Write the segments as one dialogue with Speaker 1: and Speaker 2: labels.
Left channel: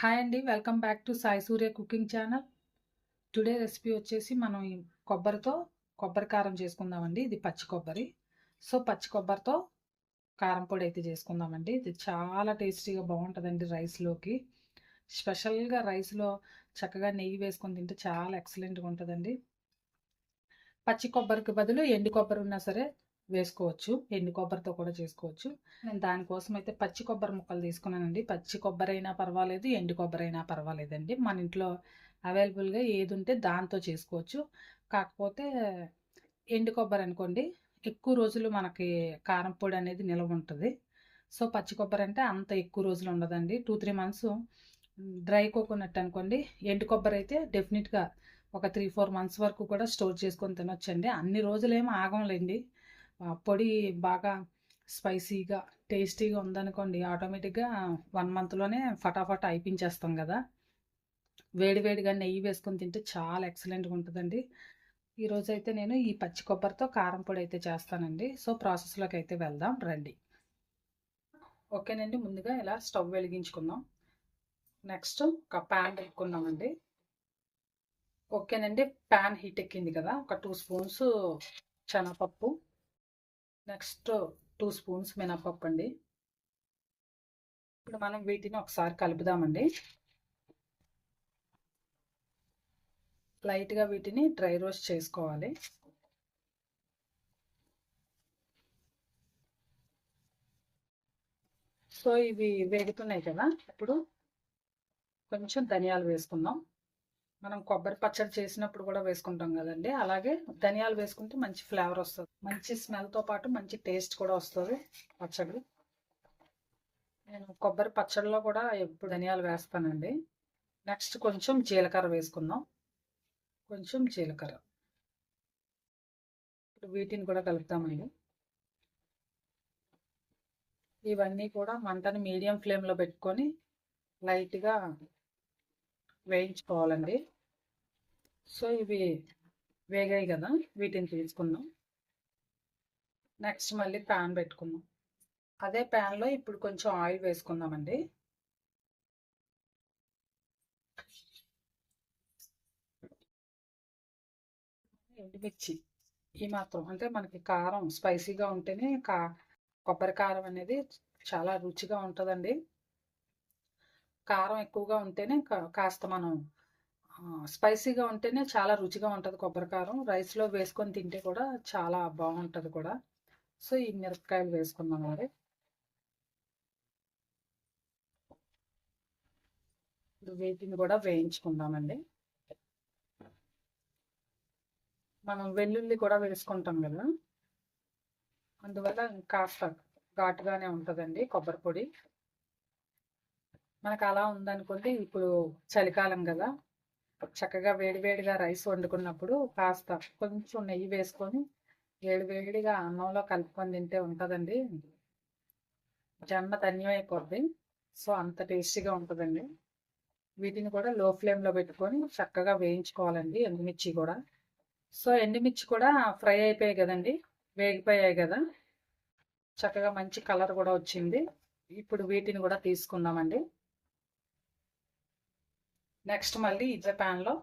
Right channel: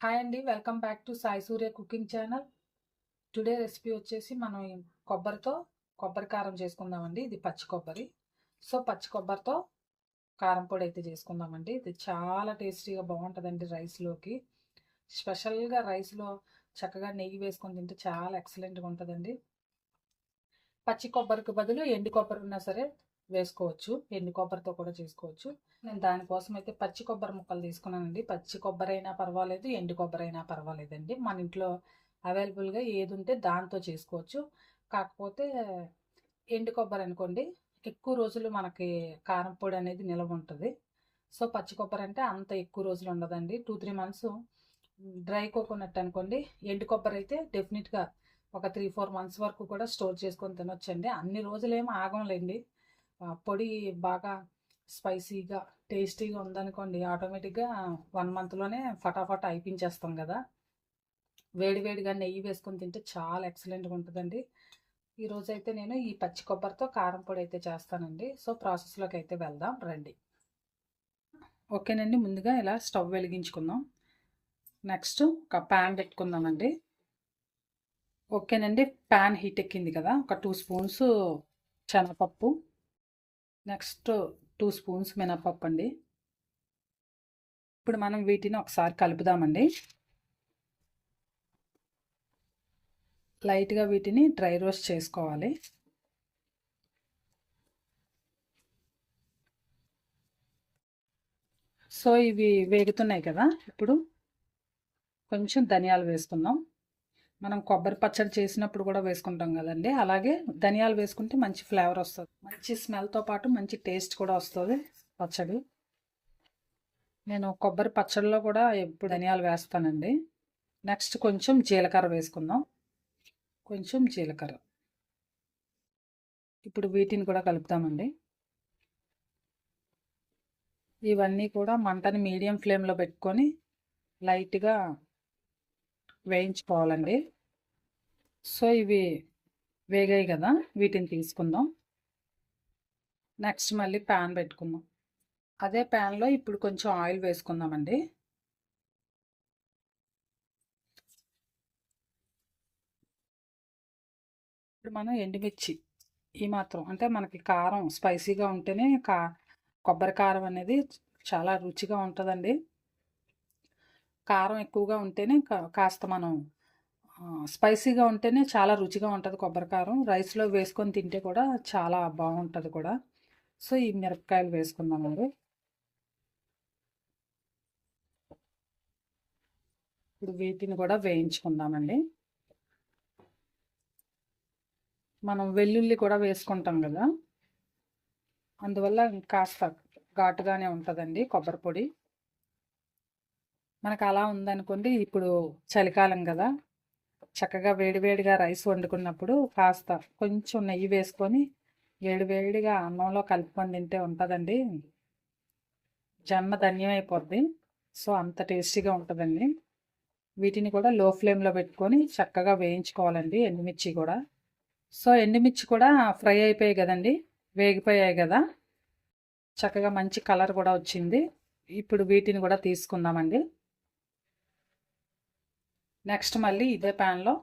Speaker 1: Hi అండి welcome back to Sai Surya cooking channel today recipe వచ్చేసి మనం కొబ్బరితో కొబ్బరి కారం చేసుకుందామండి. ఇది పచ్చి కొబ్బరి. సో పచ్చి కొబ్బరితో కారం పొడి అయితే చేసుకుందామండి. ఇది చాలా టేస్టీగా బాగుంటుందండి రైస్లోకి. స్పెషల్గా రైస్లో చక్కగా నెయ్యి వేసుకొని తింటే చాలా ఎక్సలెంట్గా ఉంటుందండి. పచ్చి కొబ్బరికి బదులు ఎండి కొబ్బరి ఉన్నా సరే వేసుకోవచ్చు. ఎండు కొబ్బరితో కూడా చేసుకోవచ్చు. నేను దానికోసం అయితే పచ్చి కొబ్బరి ముక్కలు తీసుకున్నానండి. పచ్చి కొబ్బరి అయినా పర్వాలేదు ఎండు కొబ్బరి అయినా పర్వాలేదండి. మన ఇంట్లో అవైలబుల్గా ఏది ఉంటే దాంతో చేసుకోవచ్చు. కాకపోతే ఎండు కొబ్బరి అనుకోండి ఎక్కువ రోజులు మనకి కారం పొడి అనేది నిల్వ ఉంటుంది. సో పచ్చి కొబ్బరి అంటే అంత ఎక్కువ రోజులు ఉండదండి. Two three months dry coconut అనుకోండి ఎండు కొబ్బరి అయితే డెఫినెట్గా ఒక త్రీ ఫోర్ మంత్స్ వరకు కూడా స్టోర్ చేసుకొని తినొచ్చండి. అన్ని రోజులు ఏమి ఆగంలేండి. పొడి బాగా స్పైసీగా టేస్టీగా ఉందనుకోండి ఆటోమేటిక్గా వన్ మంత్లోనే ఫటాఫట్ అయిపించేస్తాం కదా. వేడివేడిగా నెయ్యి వేసుకొని తింటే చాలా ఎక్సలెంట్గా ఉంటుందండి. ఈరోజు అయితే నేను ఈ పచ్చి కొబ్బరితో కారం పొడి అయితే చేస్తానండి. సో ప్రాసెస్లోకి అయితే వెళ్దాం రండి. ఓకేనండి ముందుగా ఇలా స్టవ్ వెలిగించుకుందాం. నెక్స్ట్ ఒక ప్యాన్ పెట్టుకుందామండి. ఓకేనండి ప్యాన్ హీట్ ఎక్కింది కదా ఒక టూ స్పూన్స్ శనగపప్పు. నెక్స్ట్ టూ స్పూన్స్ మినపప్పు అండి. ఇప్పుడు మనం వీటిని ఒకసారి కలుపుదామండి. లైట్గా వీటిని డ్రై రోస్ట్ చేసుకోవాలి. సో ఇవి వేగుతున్నాయి కదా ఇప్పుడు కొంచెం ధనియాలు వేసుకుందాం. మనం కొబ్బరి పచ్చడి చేసినప్పుడు కూడా వేసుకుంటాం కదండి. అలాగే ధనియాలు వేసుకుంటే మంచి ఫ్లేవర్ వస్తుంది. మంచి స్మెల్తో పాటు మంచి టేస్ట్ కూడా వస్తుంది పచ్చడి. నేను కొబ్బరి పచ్చడిలో కూడా ఎప్పుడు ధనియాలు వేస్తానండి. నెక్స్ట్ కొంచెం జీలకర్ర వేసుకుందాం. కొంచెం జీలకర్ర. ఇప్పుడు వీటిని కూడా కలుపుతామండి. ఇవన్నీ కూడా మంటని మీడియం ఫ్లేమ్లో పెట్టుకొని లైట్గా వేయించుకోవాలండి. సో ఇవి వేగాయి కదా వీటిని తీసుకుందాం. నెక్స్ట్ మళ్ళీ ప్యాన్ పెట్టుకుందాం. అదే ప్యాన్లో ఇప్పుడు కొంచెం ఆయిల్ వేసుకుందామండి. ఇప్పుడు మనం ఎండుమిర్చి ఈ మాత్రం అంటే మనకి కారం స్పైసీగా ఉంటేనే కా కొబ్బరి కారం అనేది చాలా రుచిగా ఉంటుందండి. కారం ఎక్కువగా ఉంటేనే కాస్త మనం స్పైసీగా ఉంటేనే చాలా రుచిగా ఉంటుంది కొబ్బరికారం. రైస్లో వేసుకొని తింటే కూడా చాలా బాగుంటుంది కూడా. సో ఈ మిరపకాయలు వేసుకుందాం మరి. ఇప్పుడు వీటిని కూడా వేయించుకుందామండి. మనం వెల్లుల్లి కూడా వేసుకుంటాం కదా. అందువల్ల కాస్త ఘాటుగానే ఉంటుందండి కొబ్బరి పొడి. మనకు అలా ఉందనుకోండి ఇప్పుడు చలికాలం కదా. చక్కగా వేడివేడిగా రైస్ వండుకున్నప్పుడు కాస్త కొంచెం నెయ్యి వేసుకొని వేడివేడిగా అన్నంలో కలుపుకొని తింటే ఉంటుందండి. జన్మ ధన్యమైపోద్ది. సో అంత టేస్టీగా ఉంటుందండి. వీటిని కూడా లో ఫ్లేమ్లో పెట్టుకొని చక్కగా వేయించుకోవాలండి ఎండుమిర్చి కూడా. సో ఎండుమిర్చి కూడా ఫ్రై అయిపోయాయి కదండి. వేగిపోయాయి కదా. చక్కగా మంచి కలర్ కూడా వచ్చింది. ఇప్పుడు వీటిని కూడా తీసుకుందామండి. నెక్స్ట్ మళ్ళీ ఇదే ప్యాన్లో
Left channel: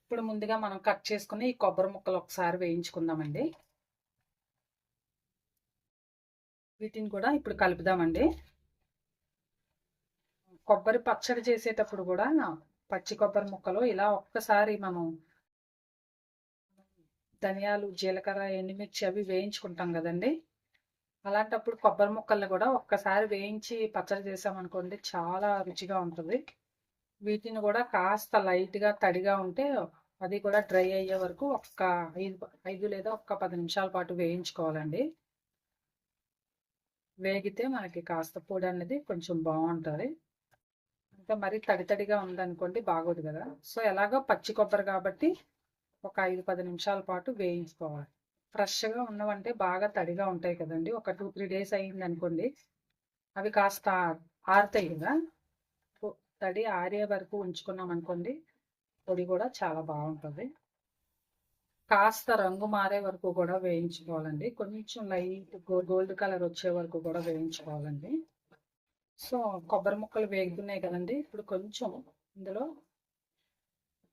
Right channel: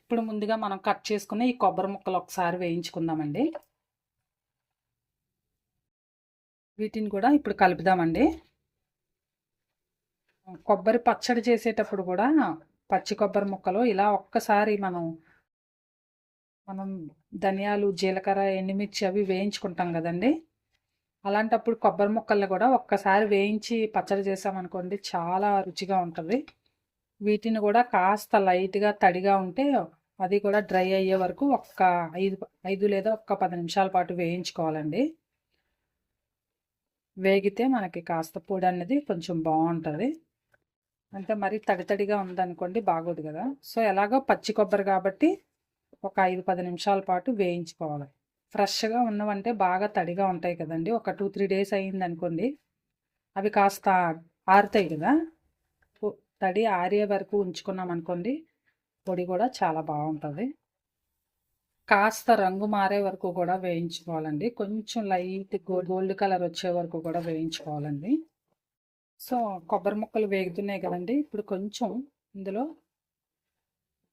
Speaker 1: ఇప్పుడు ముందుగా మనం కట్ చేసుకుని ఈ కొబ్బరి ముక్కలు ఒకసారి వేయించుకుందామండి. వీటిని కూడా ఇప్పుడు కలుపుదామండి. కొబ్బరి పచ్చడి చేసేటప్పుడు కూడా పచ్చి కొబ్బరి ముక్కలు ఇలా ఒక్కసారి మనం మనం ధనియాలు జీలకర్ర ఎండుమిర్చి అవి వేయించుకుంటాం కదండి. అలాంటప్పుడు కొబ్బరి ముక్కల్ని కూడా ఒక్కసారి వేయించి పచ్చడి చేసామనుకోండి చాలా రుచిగా ఉంటుంది. వీటిని కూడా కాస్త లైట్గా తడిగా ఉంటే అది కూడా డ్రై అయ్యే వరకు ఒక్క ఐదు ఐదు లేదా ఒక్క పది నిమిషాల పాటు వేయించుకోవాలండి. వేగితే మనకి కాస్త పొడి అనేది కొంచెం బాగుంటుంది. అంటే మరి తడి తడిగా ఉందనుకోండి బాగోదు కదా. సో ఎలాగో పచ్చి కొబ్బరి కాబట్టి ఒక ఐదు పది నిమిషాల పాటు వేయించుకోవాలి. ఫ్రెష్గా ఉన్నవంటే బాగా తడిగా ఉంటాయి కదండి. ఒక టూ త్రీ డేస్ అయ్యింది అనుకోండి అవి కాస్త ఆరుతాయి కదా. తడి ఆరే వరకు ఉంచుకున్నాం అనుకోండి పొడి కూడా చాలా బాగుంటుంది. కాస్త రంగు మారే వరకు కూడా వేయించుకోవాలండి. కొంచెం లైట్ గోల్డ్ కలర్ వచ్చే వరకు కూడా వేయించుకోవాలండి. సో కొబ్బరి ముక్కలు వేగుతున్నాయి కదండి ఇప్పుడు కొంచెం ఇందులో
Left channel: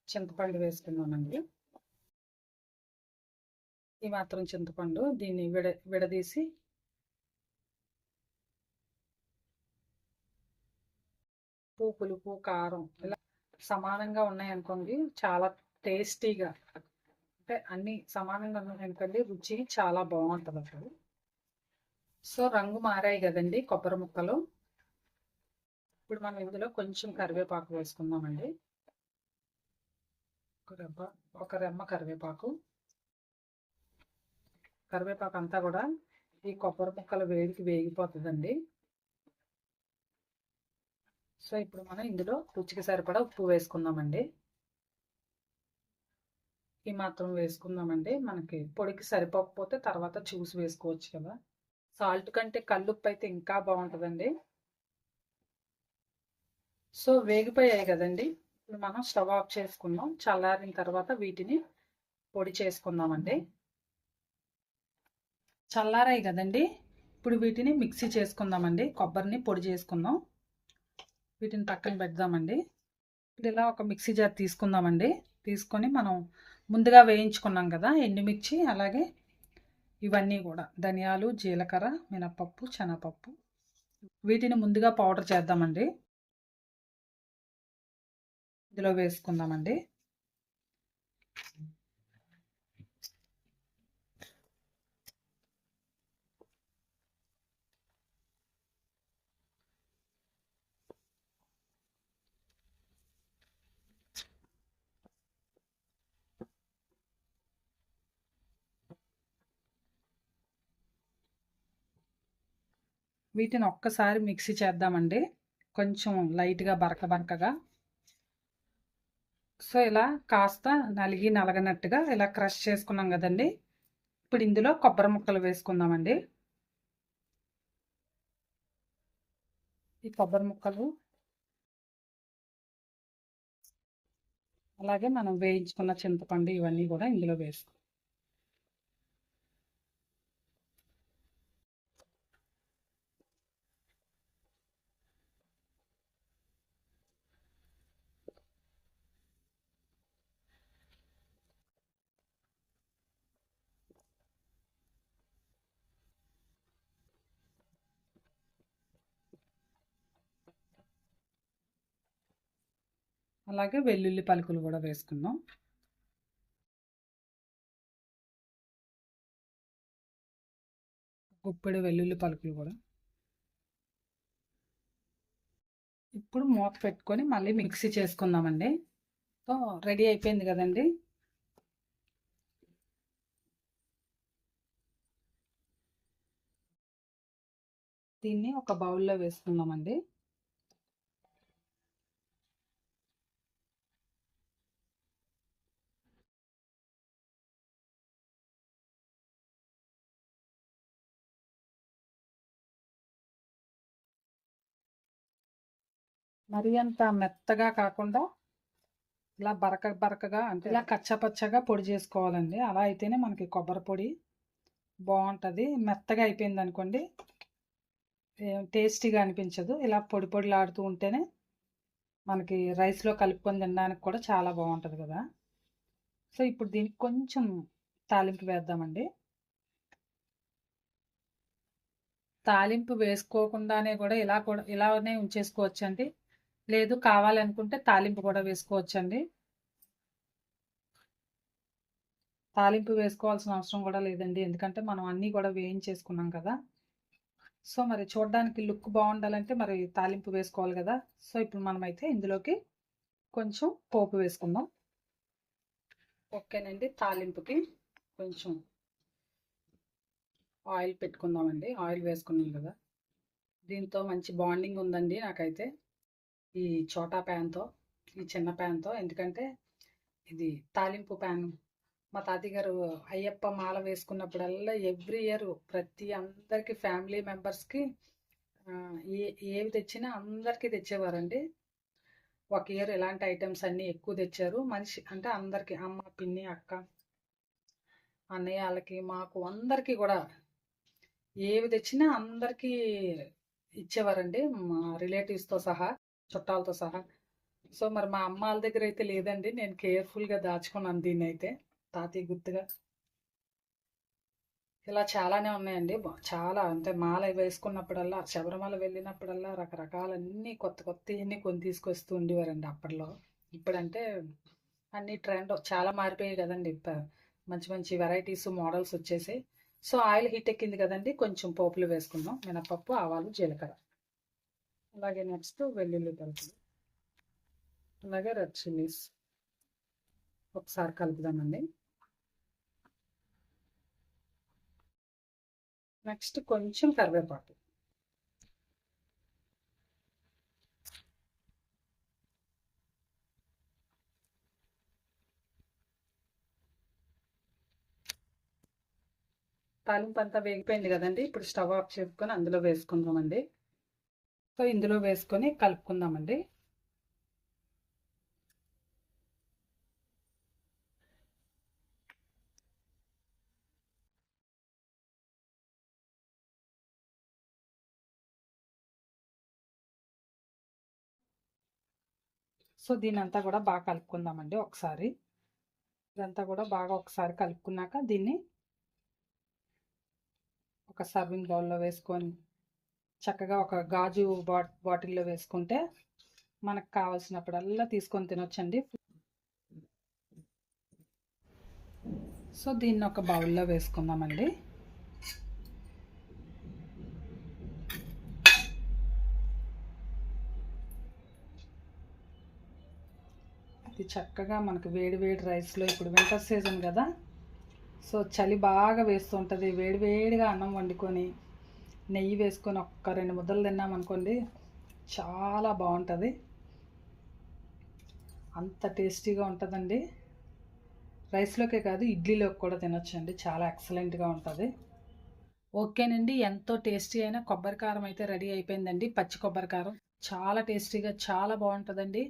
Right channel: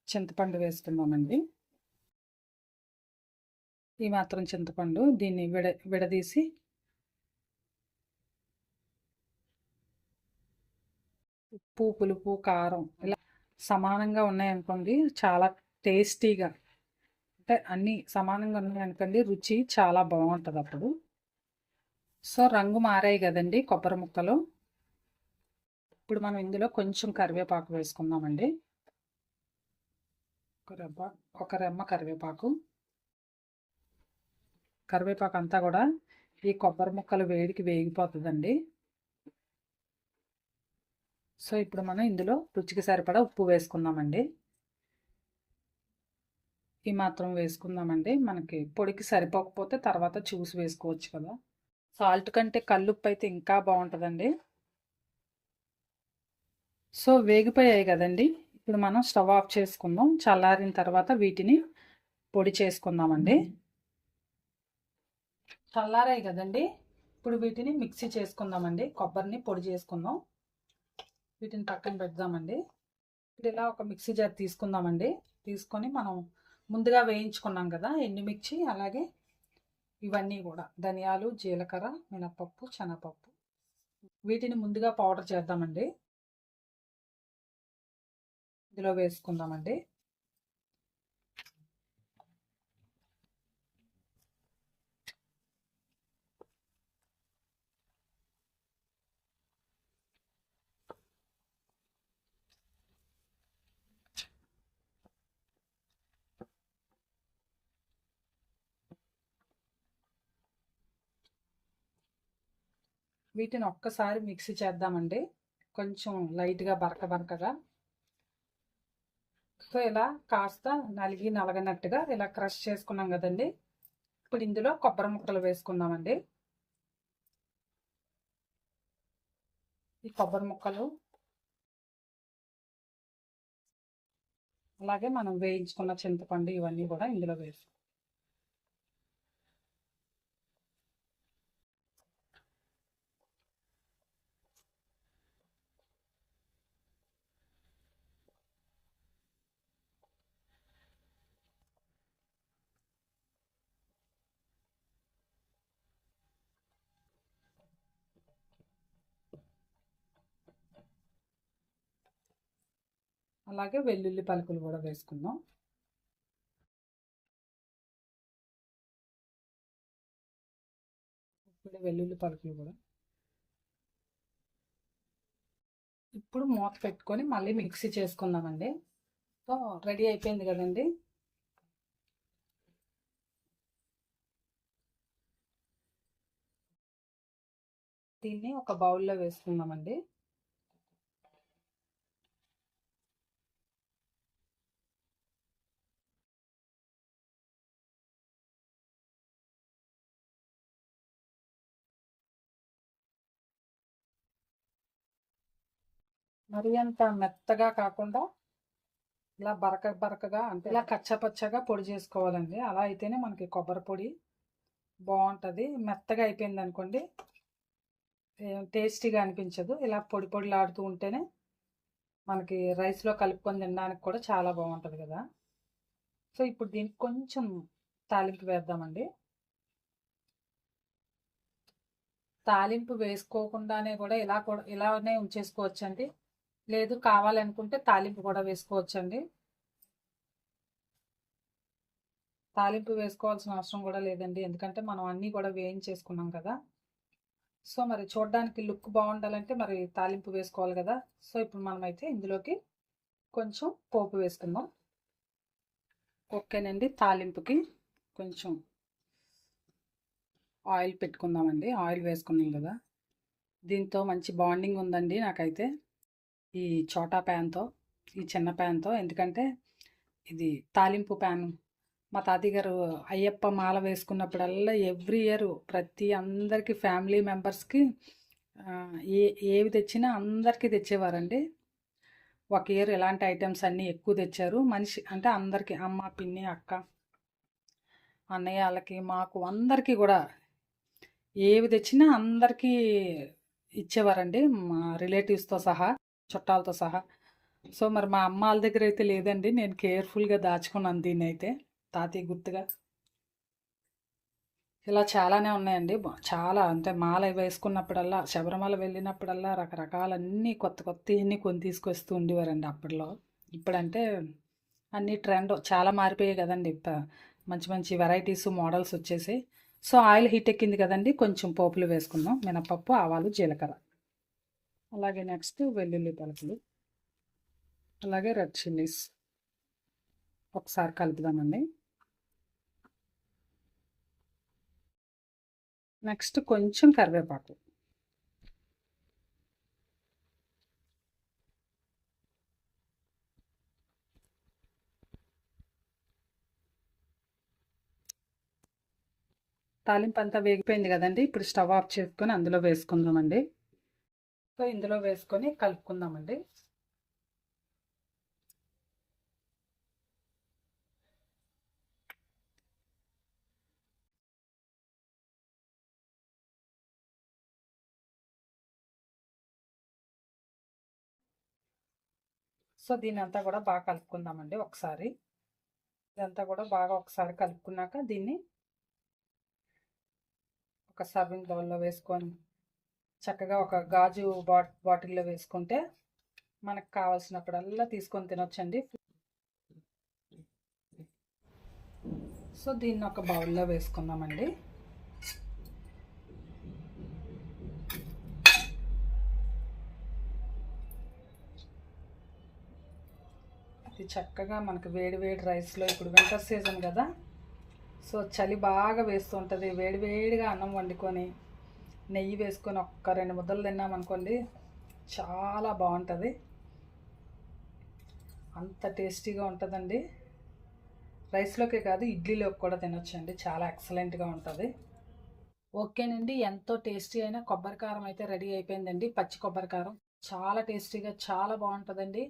Speaker 1: చింతపండు వేస్తున్నామండి ఈ మాత్రం చింతపండు దీన్ని విడ విడదీసి ఉప్పు పులుపు కారం ఇలా సమానంగా ఉన్నాయనుకోండి చాలా టేస్టీగా. అంటే అన్నీ సమానంగా ఉన్నాయనుకోండి రుచి చాలా బాగుంటుంది అప్పుడు. సో రంగు మారాయి కదండి కొబ్బరి ముక్కలు. ఇప్పుడు మనం ఇందులో కొంచెం కరివేపాకు వేసుకుందామండి. ఒక రెబ్బ ఒక రెమ్మ కరివేపాకు. కరివేపాకు అంతా కూడా ఈ కొబ్బరి ముక్కలు వేడికి వేగిపోతుందండి. సో ఇప్పుడు మనం ఇందులో రుచికి సరిపడా ఉప్పు వేసుకుందామండి. ఈ మాత్రం వేసుకుందామండి. మనకి పొడికి సరిపోకపోతే తర్వాత చూసి వేసుకోవచ్చు కదా. సాల్ట్ కంటే కల్లుప్పు అయితే ఇంకా బాగుంటుందండి. సో వేగిపోయాయి కదండి. ఇప్పుడు మనం స్టవ్ ఆఫ్ చేసుకుందాం. చల్లారిన తర్వాత వీటిని పొడి చేసుకుందామండి. చల్లారాయి కదండి. ఇప్పుడు వీటిని మిక్సీ చేసుకుందామండి. కొబ్బరిని పొడి చేసుకుందాం. వీటిని పక్కన పెడదామండి. ఇప్పుడు ఇలా ఒక మిక్సీ జార్ తీసుకుందామండి. తీసుకొని మనం ముందుగా వేయించుకున్నాం కదా ఎండుమిర్చి అలాగే ఇవన్నీ కూడా. ధనియాలు జీలకర్ర మినపప్పు శనగపప్పు. వీటిని ముందుగా పౌడర్ చేద్దామండి. ఇందులో వేసుకుందామండి. వీటిని ఒక్కసారి మిక్సీ చేద్దామండి. కొంచెం లైట్గా బరక బరకగా. సో ఇలా కాస్త నలిగి నలగనట్టుగా ఇలా క్రష్ చేసుకున్నాం కదండి. ఇప్పుడు ఇందులో కొబ్బరి ముక్కలు వేసుకుందామండి. ఈ కొబ్బరి ముక్కలు అలాగే మనం వేయించుకున్న చింతపండు ఇవన్నీ కూడా ఇందులో వేసుకుందాం. అలాగే వెల్లుల్లి పలుకులు కూడా వేసుకుందాం. గుప్పెడు వెల్లుల్లి పలుకులు కూడా. ఇప్పుడు మూత పెట్టుకొని మళ్ళీ మిక్సీ చేసుకుందామండి. సో రెడీ అయిపోయింది కదండి. దీన్ని ఒక బౌల్లో వేసుకుందామండి. మరి అంత మెత్తగా కాకుండా ఇలా బరక బరకగా అంటే ఇలా కచ్చపచ్చగా పొడి చేసుకోవాలండి. అలా అయితేనే మనకి కొబ్బరి పొడి బాగుంటుంది. మెత్తగా అయిపోయింది అనుకోండి టేస్టీగా అనిపించదు. ఇలా పొడి పొడిలాడుతూ ఉంటేనే మనకి రైస్లో కలుపుకొని తినడానికి కూడా చాలా బాగుంటుంది కదా. సో ఇప్పుడు దీనికి కొంచెం తాలింపు వేద్దామండి. తాలింపు వేసుకోకుండానే కూడా ఇలా కూడా ఇలానే ఉంచేసుకోవచ్చండి. లేదు కావాలనుకుంటే తాలింపు కూడా వేసుకోవచ్చండి. తాలింపు వేసుకోవాల్సిన అవసరం కూడా లేదండి. ఎందుకంటే మనం అన్నీ కూడా వేయించేసుకున్నాం కదా. సో మరి చూడడానికి లుక్ బాగుండాలంటే మరి తాలింపు వేసుకోవాలి కదా. సో ఇప్పుడు మనమైతే ఇందులోకి కొంచెం పోపు వేసుకుందాం. ఓకేనండి తాలింపుకి కొంచెం ఆయిల్ పెట్టుకుందామండి. ఆయిల్ వేసుకున్నాం కదా. దీంతో మంచి బాండింగ్ ఉందండి నాకైతే. ఈ చోటా ప్యాన్తో ఈ చిన్న ప్యాన్తో. ఎందుకంటే ఇది తాలింపు ప్యాన్. మా తాతయ్య గారు అయ్యప్ప మాల వేసుకున్నప్పుడల్లా ఎవ్రీ ఇయర్ ప్రతి అందరికీ ఫ్యామిలీ మెంబర్స్కి ఏ ఏవి తెచ్చినా అందరికీ తెచ్చేవారండి. ఒక ఇయర్ ఎలాంటి ఐటమ్స్ అన్నీ ఎక్కువ తెచ్చారు. మనిషి అంటే అందరికీ అమ్మ పిన్ని అక్క అన్నయ్య వాళ్ళకి మాకు అందరికీ కూడా ఏవి తెచ్చినా అందరికీ ఇచ్చేవారండి. మా రిలేటివ్స్తో సహా. చుట్టాలతో సహా. సో మరి మా అమ్మ వాళ్ళ దగ్గర అయితే లేదండి. నేను కేర్ఫుల్గా దాచుకున్నాను దీన్ని అయితే తాతయ్య గుర్తుగా. ఇలా చాలానే ఉన్నాయండి. చాలా. అంటే మాల వేసుకున్నప్పుడల్లా శబరిమల వెళ్ళినప్పుడల్లా రకరకాలన్నీ కొత్త కొత్త అన్నీ కొని తీసుకొస్తూ ఉండేవారండి అప్పట్లో. ఇప్పుడంటే అన్ని ట్రెండ్ చాలా మారిపోయాయి కదండి. మంచి మంచి వెరైటీస్ మోడల్స్ వచ్చేసి సో ఆయిల్ హీట్ ఎక్కింది కదండి. కొంచెం పోపులు వేసుకుందాం. మినపప్పు ఆవాలు జీలకర్ర. అలాగే నెక్స్ట్ వెల్లుల్లి పలుకులు అలాగే రెడ్ చిల్లీస్. ఒకసారి కలుపుదామండి. నెక్స్ట్ కొంచెం కరివేపాకు. తాలింపు అంతా వేగిపోయింది కదండి ఇప్పుడు స్టవ్ ఆఫ్ చేసుకొని అందులో వేసుకుందామండి. సో ఇందులో వేసుకొని కలుపుకుందామండి. సో దీని అంతా కూడా బాగా కలుపుకుందామండి ఒకసారి. ఇదంతా కూడా బాగా ఒకసారి కలుపుకున్నాక దీన్ని ఒక సర్వింగ్ బౌల్లో వేసుకొని చక్కగా ఒక గాజు బాట్ బాటిల్లో వేసుకుంటే మనకు కావాల్సినప్పుడల్లా తీసుకొని తినొచ్చండి. సో దీన్ని ఒక బౌల్లో వేసుకుందామండి. ఇది చక్కగా మనకు వేడి వేడి రైస్లో ఇప్పుడు వింటర్ సీజన్ కదా సో చలి బాగా వేస్తూ ఉంటుంది. వేడి వేడిగా అన్నం వండుకొని నెయ్యి వేసుకొని ఒక్క రెండు ముద్దలు తిన్నామనుకోండి చాలా బాగుంటుంది. అంత టేస్టీగా ఉంటుందండి. రైస్లోకే కాదు ఇడ్లీలోకి కూడా తినొచ్చండి. చాలా ఎక్సలెంట్గా ఉంటుంది. ఓకేనండి ఎంతో టేస్టీ అయిన కొబ్బరి కారం అయితే రెడీ అయిపోయిందండి. పచ్చి కొబ్బరి కారం చాలా టేస్టీగా చాలా బాగుంటుందండి.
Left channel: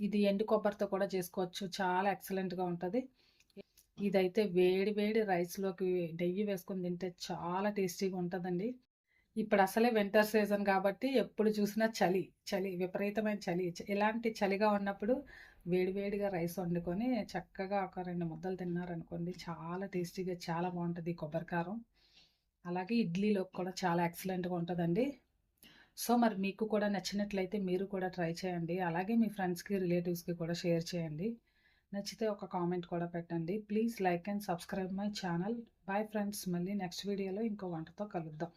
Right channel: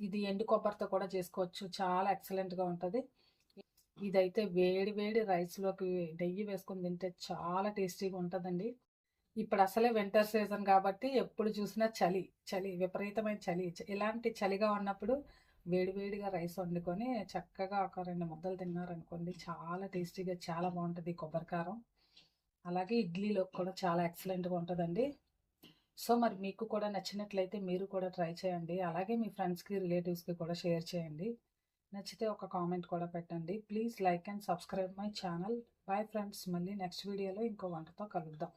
Speaker 1: ఇది ఎండు కొబ్బరితో కూడా చేసుకోవచ్చు. చాలా ఎక్సలెంట్గా ఉంటుంది. ఇదైతే వేడి వేడి రైస్లోకి నెయ్యి వేసుకొని తింటే చాలా టేస్టీగా ఉంటుందండి. ఇప్పుడు అసలే వింటర్ సీజన్ కాబట్టి ఎప్పుడు చూసినా చలి చలి విపరీతమైన చలి. ఇలాంటి చలిగా ఉన్నప్పుడు వేడివేడిగా రైస్ వండుకొని చక్కగా ఒక రెండు ముద్దలు తిన్నారనుకోండి చాలా టేస్టీగా చాలా బాగుంటుంది కొబ్బరికారం. అలాగే ఇడ్లీలో కూడా చాలా ఎక్సలెంట్గా ఉంటుందండి. సో మరి మీకు కూడా నచ్చినట్లయితే మీరు కూడా ట్రై చేయండి. అలాగే మీ ఫ్రెండ్స్కి రిలేటివ్స్కి కూడా షేర్ చేయండి. నచ్చితే ఒక కామెంట్ కూడా పెట్టండి. Please like and subscribe my channel. Bye friends. మళ్ళీ నెక్స్ట్ వీడియోలో ఇంకో వంటతో కలుద్దాం.